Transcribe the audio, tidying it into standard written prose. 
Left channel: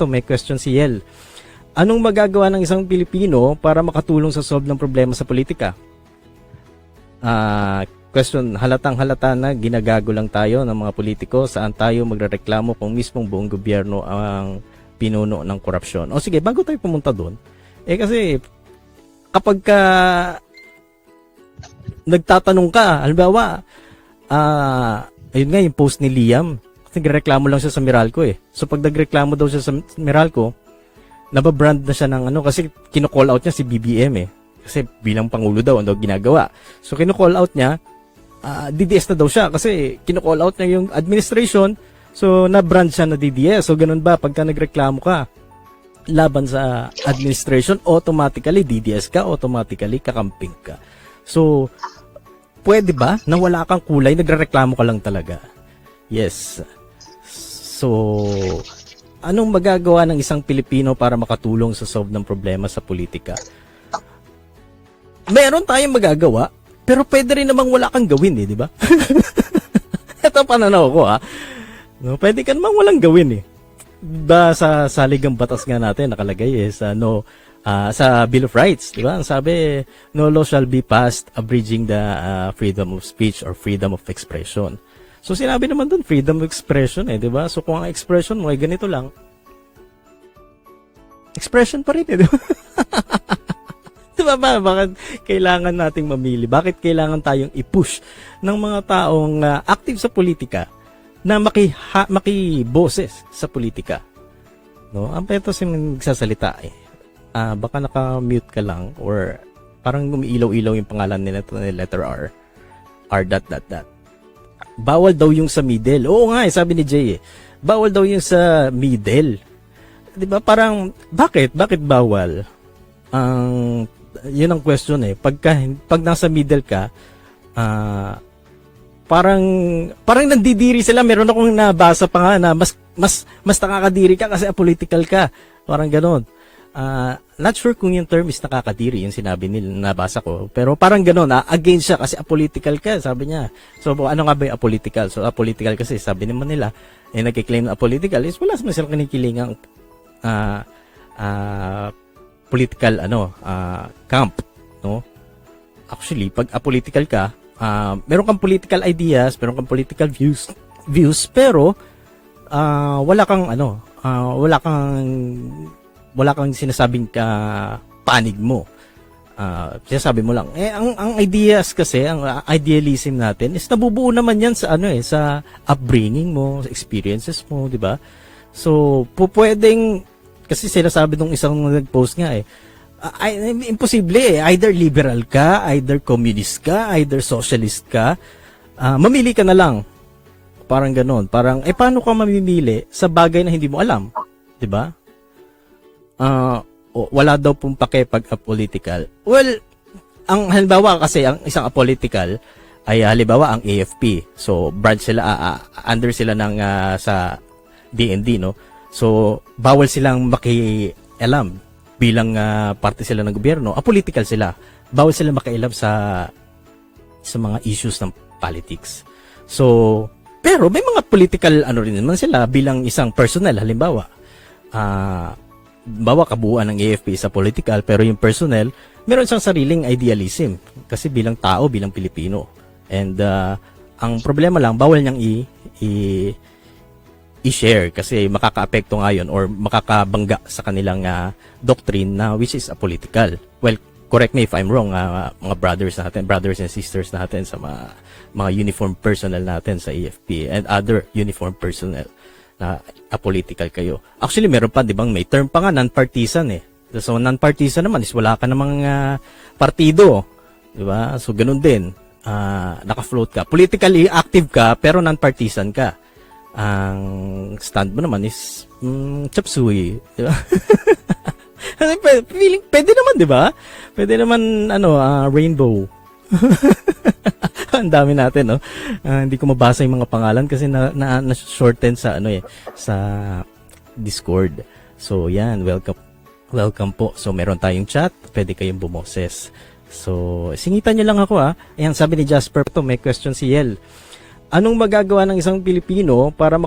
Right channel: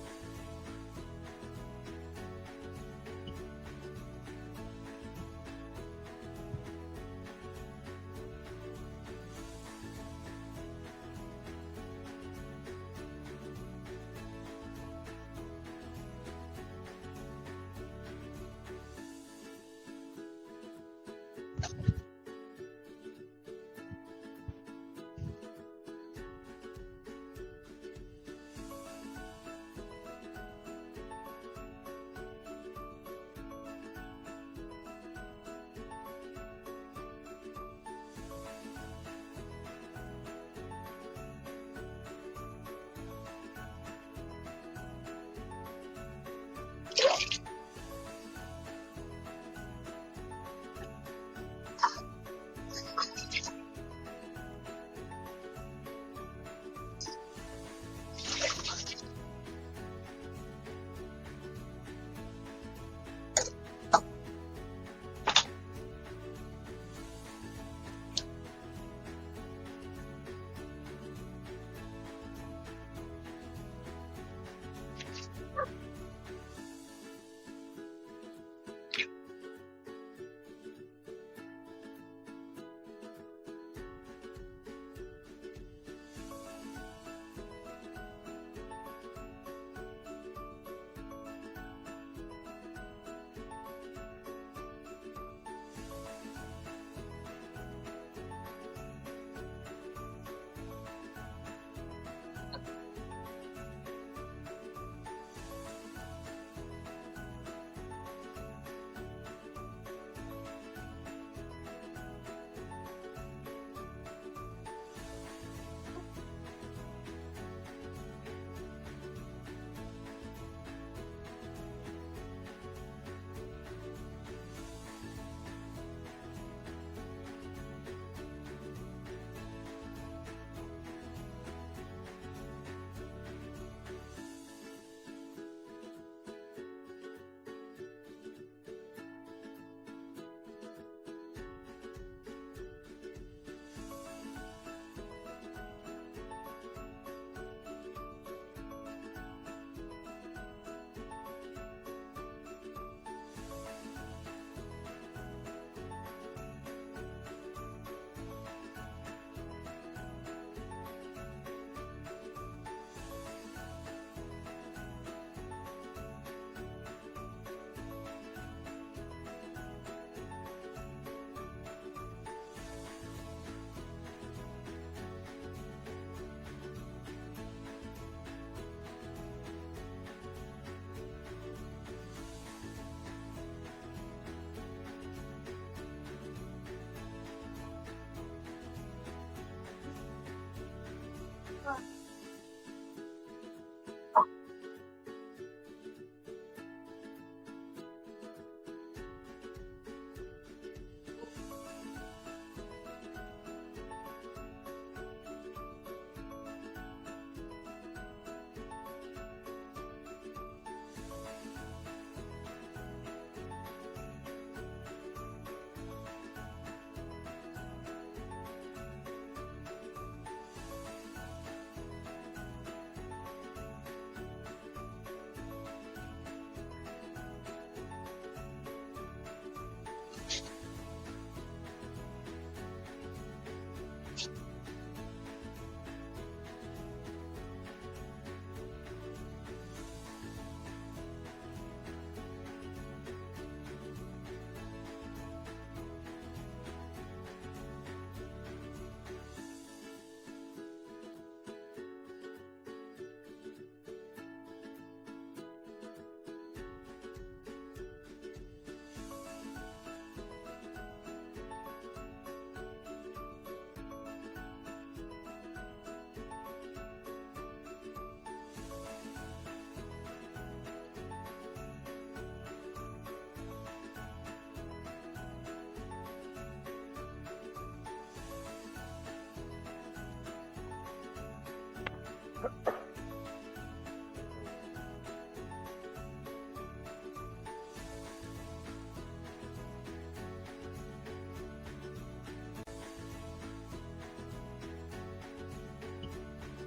Ito, may question si Yel. Anong magagawa ng isang Pilipino para makatulong sa solve ng problema sa politika? Question, halatang halata na ginagago lang tayo ng mga politiko, saan tayo magrereklamo kung mismong buong gobyerno ang pinuno ng korupsyon. O sige, bago tayo pumunta doon, kasi kapag ka nagtatanong ka, halimbawa, ayun nga yung post ni Liam, kasi nagreklamo lang siya sa Meralco So pag nagreklamo daw siya sa Meralco, nababrand na siya ng kasi kino-call out niya si BBM Kasi bilang pangulo daw, ano ginagawa. So kino-call out niya, DDS na daw siya kasi kino-call out niya yung administration. So na-brand siya na DDS. So ganun ba, pagka nagreklamo ka laban sa administration, automatically DDS ka, automatically kakamping ka. So pwede ba na wala kang kulay, nagrereklamo ka lang talaga? Yes. So anong magagawa ng isang Pilipino para makatulong sa solve ng problema sa politika? Meron tayong magagawa, pero pwede rin namang wala kang gawin di ba? Ito pananaw ko No, pwede ka namang walang gawin sa saligang batas nga natin nakalagay sa sa Bill of Rights, di ba? Ang sabi, no law shall be passed abridging the freedom of speech or freedom of expression. So sinabi naman doon freedom of expression di ba? So kung ang expression mo ay ganito lang, expression pa rin di ba? Diba ba? Bakit kailangan nating mamili? Bakit kailangan tayong i-push ng mga taong active sa politika na makiboses sa politika? No? Ang petos yung nagsasalita baka naka-mute ka lang or parang umiilaw-ilaw yung pangalan nila na letter R. R. Bawal daw yung sa middle. Oo nga sabi ni Jay bawal daw yung sa middle. Diba? Parang, bakit? Bakit bawal? Yun ang question pag nasa middle ka parang nandidiri sila. Meron akong nabasa pa nga na mas nakakadiri ka kasi apolitical ka, parang gano'n. Not sure kung yung term is nakakadiri yung sinabi nila, nabasa ko, pero parang gano'n against siya kasi apolitical ka, sabi niya. So ano nga ba yung apolitical? So apolitical kasi sabi naman nila nagkiklaim na apolitical is wala naman silang kinikilingang political camp, no? Actually, pag apolitical ka, meron kang political ideas, meron kang political views, pero wala kang sinasabing panig mo. Sinasabi mo lang. Ang ideas kasi, ang idealism natin is nabubuo naman yan sa sa upbringing mo, sa experiences mo, di ba? So, pwedeng kasi sinasabi nung isang nag-post nga imposible either liberal ka, either communist ka, either socialist ka, mamili ka na lang. Parang ganoon. Parang paano ka mamimili sa bagay na hindi mo alam, 'di ba? Wala daw pong pake pag apolitical. Well, ang halimbawa kasi ang isang apolitical ay halimbawa ang AFP. So branch sila under sila ng sa DND, no? So, bawal silang makialam bilang parte sila ng gobyerno. Apolitical sila. Bawal silang makialam sa mga issues ng politics. So, pero may mga political rin naman sila bilang isang personnel. Halimbawa, kabuuan ng AFP sa political, pero yung personnel, meron siyang sariling idealism. Kasi bilang tao, bilang Pilipino. And ang problema lang, bawal niyang i-share kasi makakaapekto nga yun or makakabangga sa kanilang doctrine na which is apolitical. Well, correct me if I'm wrong, mga brothers and sisters natin sa mga uniform personnel natin sa AFP and other uniform personnel na apolitical kayo. Actually, meron pa, di ba, may term pa nga, non-partisan So, non-partisan naman is wala ka namang partido. Di ba? So, ganun din. Naka-float ka. Politically active ka, pero non-partisan ka. Ang stand mo naman is chop suey, di ba? Feeling pwede naman, di ba? Pwede naman rainbow. Ang dami natin, no? Hindi ko mabasa yung mga pangalan kasi na shorten sa sa Discord. So, yan, welcome po. So, meron tayong chat, pwede kayong bumoses. So, singitan niyo lang ako Ayan, sabi ni Jasper, may question si Yel. Anong magagawa ng isang Pilipino para